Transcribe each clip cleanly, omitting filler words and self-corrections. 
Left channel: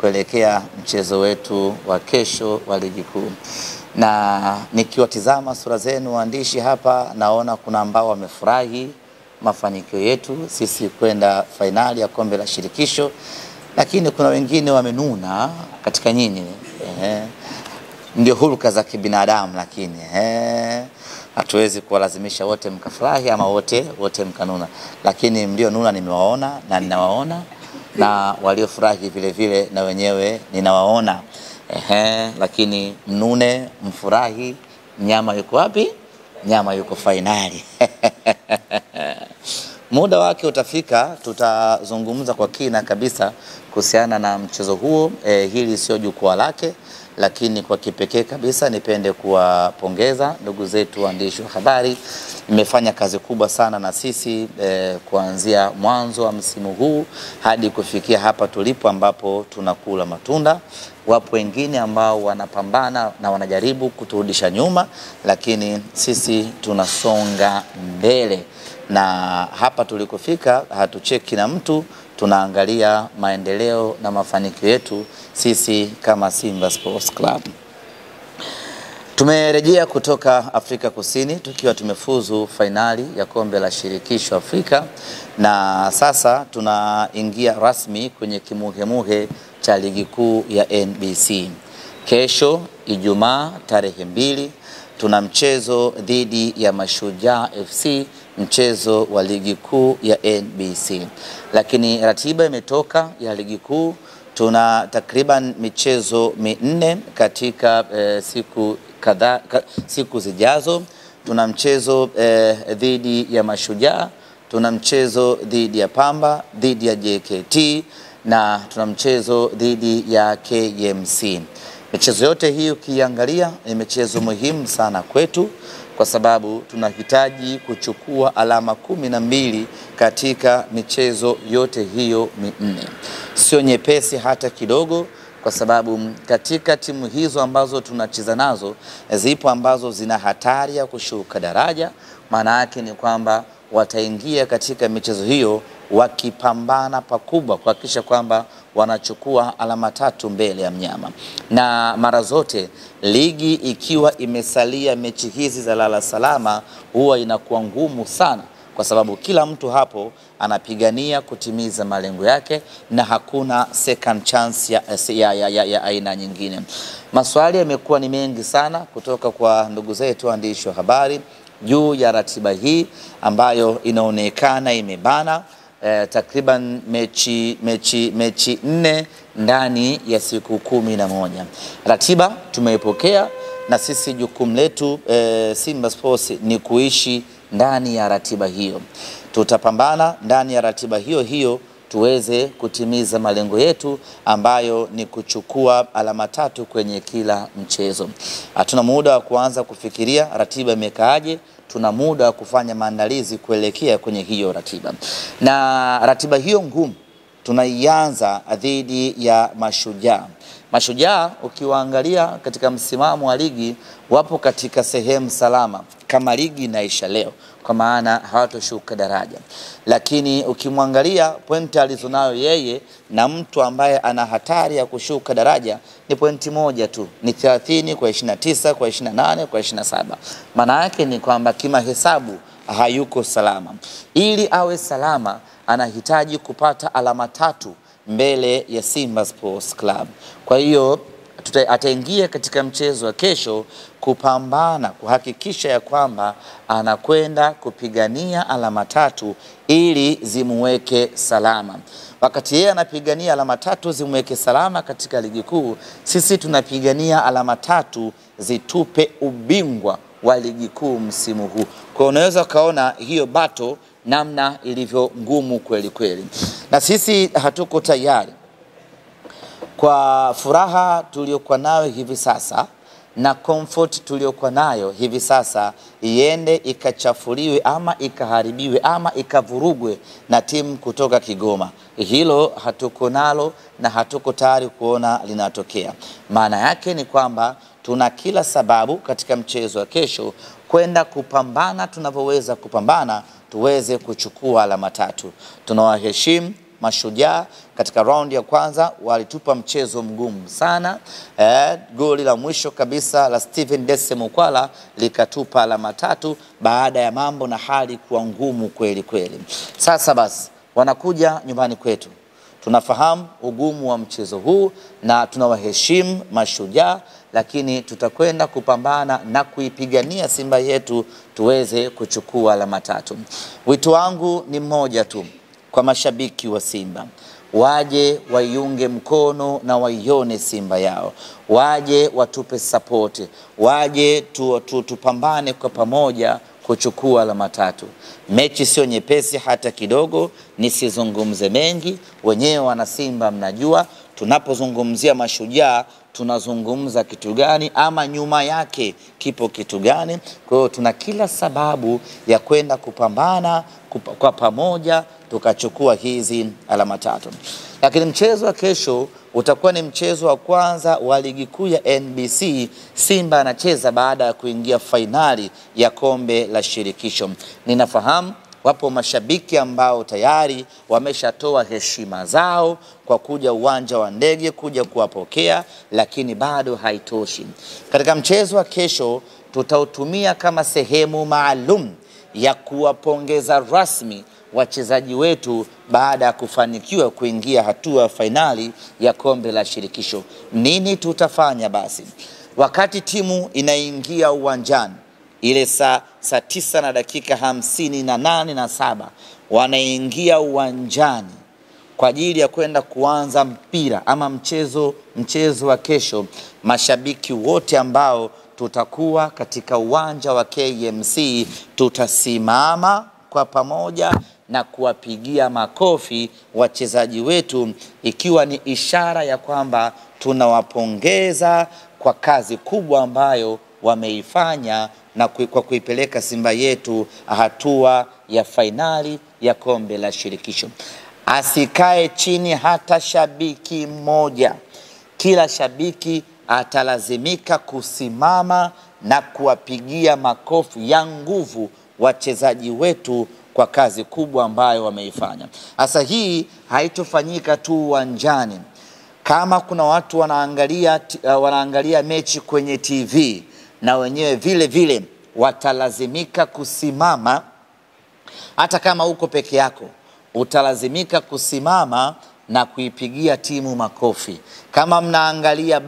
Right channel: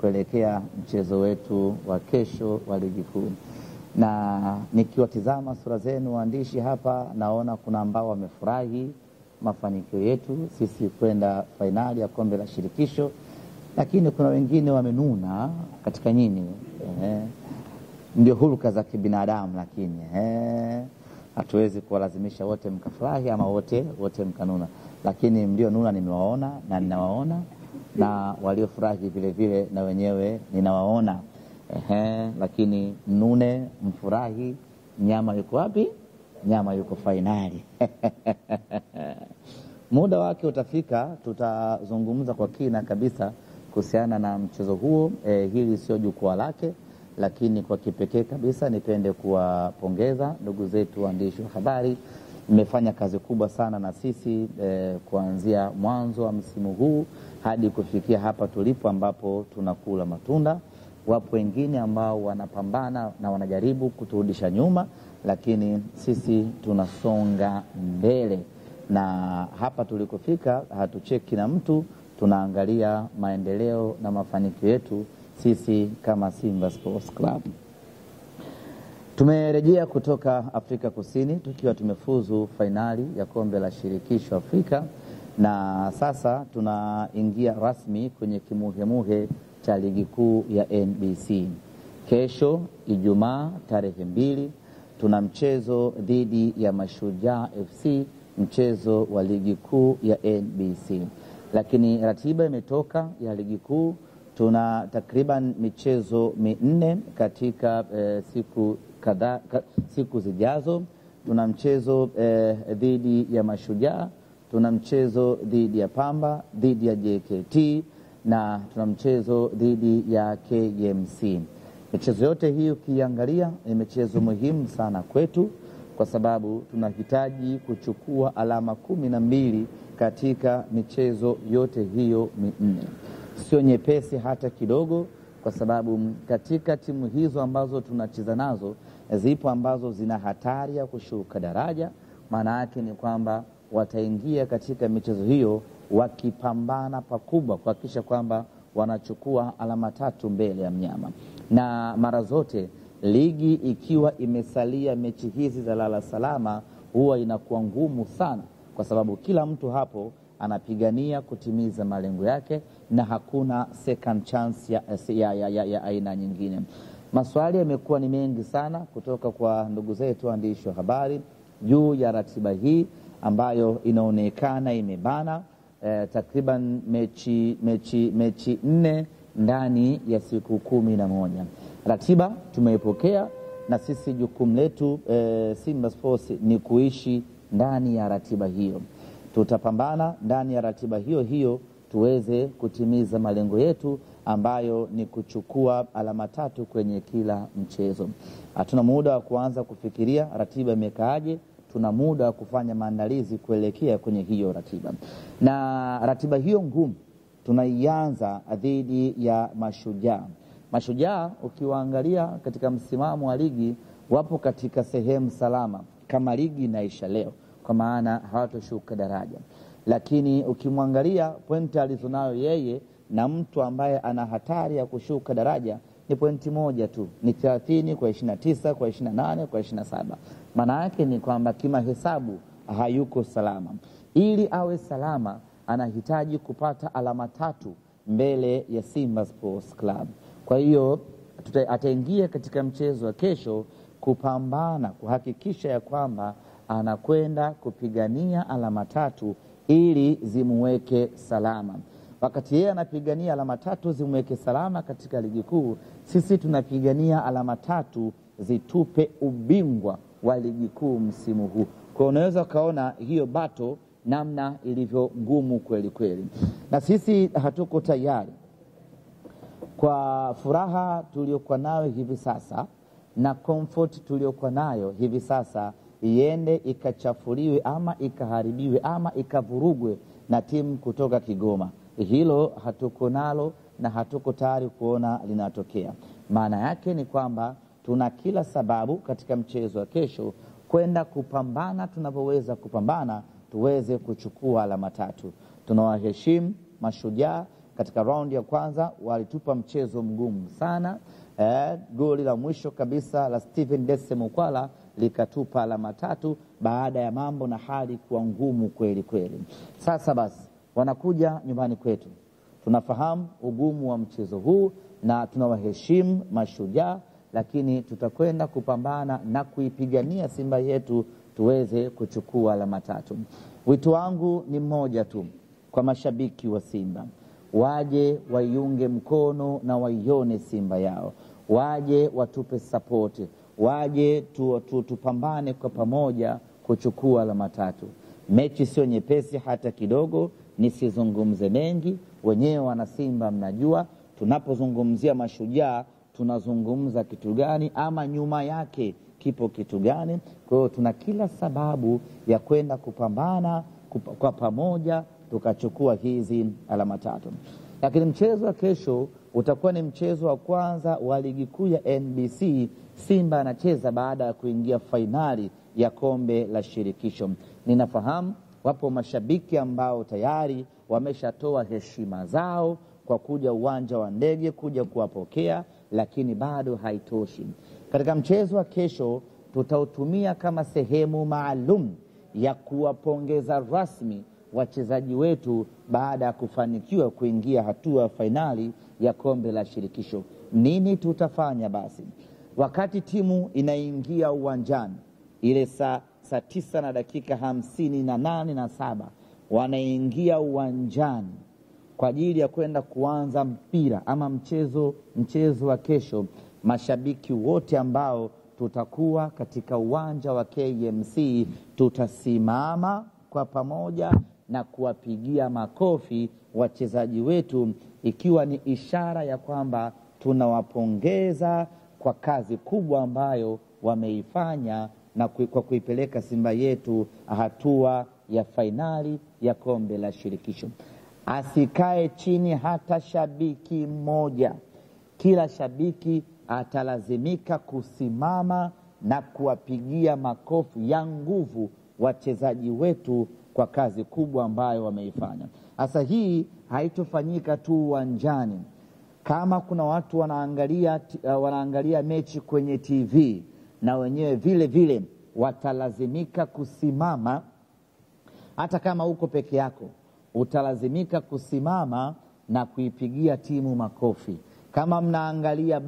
kuelekea mchezo wetu wa kesho wa ligi kuu. Na nikiwatizama sura zenu waandishi hapa, naona kuna ambao wamefurahi mafanikio yetu sisi kwenda fainali ya kombe la shirikisho, lakini kuna wengine wamenuna katika nyinyi. Ndio hulka za kibinadamu, lakini hatuwezi kuwalazimisha wote mkafurahi ama wote mkanuna, lakini mlio nuna nimewaona na ninawaona, na waliofurahi vile vile na wenyewe ninawaona. Lakini mnune, mfurahi, nyama yuko wapi? Nyama yuko fainali. Muda wake utafika, tutazungumza kwa kina kabisa kuhusiana na mchezo huo. Hili sio jukwaa lake, lakini kwa kipekee kabisa nipende kuwapongeza ndugu zetu waandishi wa habari. Mmefanya kazi kubwa sana na sisi kuanzia mwanzo wa msimu huu hadi kufikia hapa tulipo ambapo tunakula matunda. Wapo wengine ambao wanapambana na wanajaribu kuturudisha nyuma, lakini sisi tunasonga mbele. Na hapa tulikofika hatucheki na mtu, tunaangalia maendeleo na mafanikio yetu sisi kama Simba Sports Club. Tumerejea kutoka Afrika Kusini tukiwa tumefuzu fainali ya kombe la shirikisho Afrika, na sasa tunaingia rasmi kwenye kimuhemuhe cha ligi kuu ya NBC. Kesho Ijumaa tarehe 2 tuna mchezo dhidi ya Mashujaa FC, mchezo wa ligi kuu ya NBC. Lakini ratiba imetoka ya ligi kuu, tuna takriban michezo 4 katika siku zijazo. Tuna mchezo dhidi ya Mashujaa, tuna mchezo dhidi ya Pamba, dhidi ya JKT, na tuna mchezo dhidi ya KMC. Michezo yote hii ukiangalia ni michezo muhimu sana kwetu, kwa sababu tunahitaji kuchukua alama 12 katika michezo yote hiyo 4. Sio nyepesi hata kidogo, kwa sababu katika timu hizo ambazo tunacheza nazo zipo ambazo zina hatari ya kushuka daraja. Maana yake ni kwamba wataingia katika michezo hiyo wakipambana pakubwa kuhakikisha kwamba wanachukua alama 3 mbele ya mnyama. Na mara zote ligi ikiwa imesalia mechi hizi za lala salama huwa inakuwa ngumu sana, kwa sababu kila mtu hapo anapigania kutimiza malengo yake na hakuna second chance ya aina nyingine. Maswali yamekuwa ni mengi sana kutoka kwa ndugu zetu waandishi wa habari juu ya ratiba hii ambayo inaonekana imebana. Takriban mechi 4 ndani ya siku 11. Ratiba tumeipokea, na sisi jukumu letu Simba Sports ni kuishi ndani ya ratiba hiyo. Tutapambana ndani ya ratiba hiyo tuweze kutimiza malengo yetu ambayo ni kuchukua alama 3 kwenye kila mchezo. Hatuna muda wa kuanza kufikiria ratiba imekaaje, tuna muda wa kufanya maandalizi kuelekea kwenye hiyo ratiba. Na ratiba hiyo ngumu tunaianza dhidi ya Mashujaa. Mashujaa ukiwaangalia katika msimamo wa ligi wapo katika sehemu salama kama ligi inaisha leo, kwa maana hawatoshuka daraja. Lakini ukimwangalia pointi alizonayo yeye na mtu ambaye ana hatari ya kushuka daraja ni pointi moja tu, ni 30 kwa 29 kwa 28 kwa 27. Maana yake ni kwamba kima hesabu hayuko salama. Ili awe salama anahitaji kupata alama 3 mbele ya Simba Sports Club. Kwa hiyo ataingia katika mchezo wa kesho kupambana kuhakikisha ya kwamba anakwenda kupigania alama 3 ili zimuweke salama. Wakati yeye anapigania alama 3 zimuweke salama katika ligi kuu, sisi tunapigania alama 3 zitupe ubingwa wa ligi kuu msimu huu. Kwa unaweza kaona hiyo bato namna ilivyo ngumu kweli kweli. Na sisi hatuko tayari kwa furaha tuliokuwa nayo hivi sasa na comfort tuliokuwa nayo hivi sasa iende ikachafuliwe ama ikaharibiwe ama ikavurugwe na timu kutoka Kigoma. Hilo hatuko nalo na hatuko tayari kuona linatokea. Maana yake ni kwamba tuna kila sababu katika mchezo wa kesho kwenda kupambana tunavyoweza kupambana tuweze kuchukua alama 3. Tunawaheshimu Mashujaa katika raundi ya kwanza walitupa mchezo mgumu sana. Goli la mwisho kabisa la Steven Dese Mukwala likatupa alama 3 baada ya mambo na hali kuwa ngumu kweli kweli. Sasa basi wanakuja nyumbani kwetu. Tunafahamu ugumu wa mchezo huu na tunawaheshimu Mashujaa, lakini tutakwenda kupambana na kuipigania Simba yetu tuweze kuchukua alama 3. Wito wangu ni mmoja tu kwa mashabiki wa Simba. Waje waiunge mkono na waione Simba yao. Waje watupe support. Waje tupambane kwa pamoja kuchukua alama 3. Mechi sio nyepesi hata kidogo, nisizungumze mengi. Wenyewe wana Simba mnajua tunapozungumzia Mashujaa tunazungumza kitu gani ama nyuma yake kipo kitu gani. Kwa hiyo tuna kila sababu ya kwenda kupambana kwa pamoja tukachukua hizi alama 3. Lakini mchezo wa kesho utakuwa ni mchezo wa kwanza wa ligi kuu ya NBC. Simba anacheza baada ya kuingia fainali ya kombe la shirikisho. Ninafahamu wapo mashabiki ambao tayari wameshatoa heshima zao kwa kuja uwanja wa ndege kuja kuwapokea, lakini bado haitoshi. Katika mchezo wa kesho tutautumia kama sehemu maalum ya kuwapongeza rasmi wachezaji wetu baada ya kufanikiwa kuingia hatua ya fainali ya kombe la shirikisho. Nini tutafanya basi? Wakati timu inaingia uwanjani ile saa 9 na dakika 58:07 wanaingia uwanjani kwa ajili ya kwenda kuanza mpira ama mchezo wa kesho. Mashabiki wote ambao tutakuwa katika uwanja wa KMC tutasimama kwa pamoja na kuwapigia makofi wachezaji wetu, ikiwa ni ishara ya kwamba tunawapongeza kwa kazi kubwa ambayo wameifanya na kwa kuipeleka Simba yetu hatua ya fainali ya kombe la shirikisho. Asikae chini hata shabiki mmoja. Kila shabiki atalazimika kusimama na kuwapigia makofi ya nguvu wachezaji wetu kwa kazi kubwa ambayo wameifanya. Sasa hii haitofanyika tu uwanjani. Kama kuna watu wanaangalia mechi kwenye TV, na wenyewe vile vile watalazimika kusimama. Hata kama uko peke yako utalazimika kusimama na kuipigia timu makofi. Kama mnaangalia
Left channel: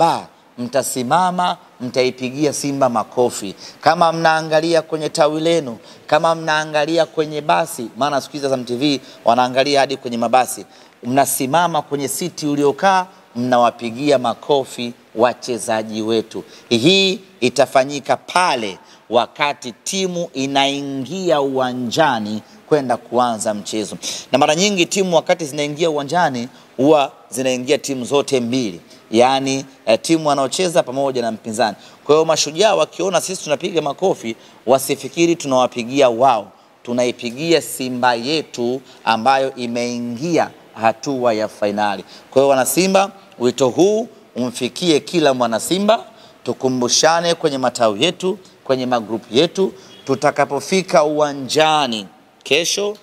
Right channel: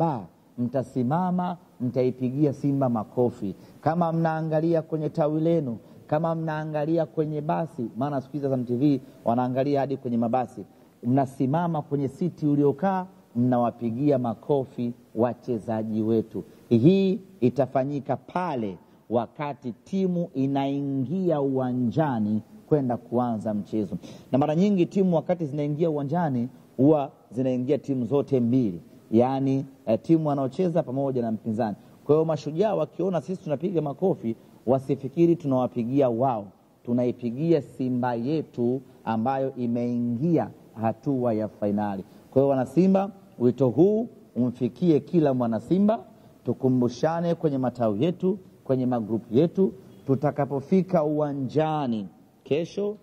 mtasimama mtaipigia Simba makofi. Kama mnaangalia kwenye tawi lenu, kama mnaangalia kwenye basi, maana siku hizi za MTV wanaangalia hadi kwenye mabasi, mnasimama kwenye siti uliokaa mnawapigia makofi wachezaji wetu. Hii itafanyika pale wakati timu inaingia uwanjani kwenda kuanza mchezo. Na mara nyingi timu wakati zinaingia uwanjani huwa zinaingia timu zote mbili, yani timu wanaocheza pamoja na mpinzani. Kwa hiyo Mashujaa wakiona sisi tunapiga makofi, wasifikiri tunawapigia wao, tunaipigia Simba yetu ambayo imeingia hatua ya fainali. Kwa hiyo wana Simba, wito huu umfikie kila mwana Simba. Tukumbushane kwenye matawi yetu, kwenye magrupu yetu. Tutakapofika uwanjani kesho,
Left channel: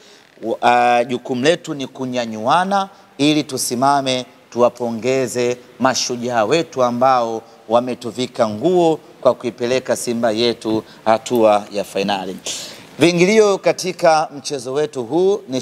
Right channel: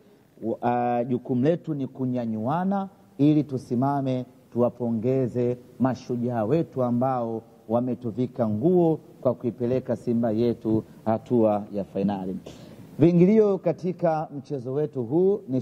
jukumu letu ni kunyanyuana ili tusimame tuwapongeze Mashujaa wetu ambao wametuvika nguo kwa kuipeleka Simba yetu hatua ya fainali. Viingilio katika mchezo wetu huu ni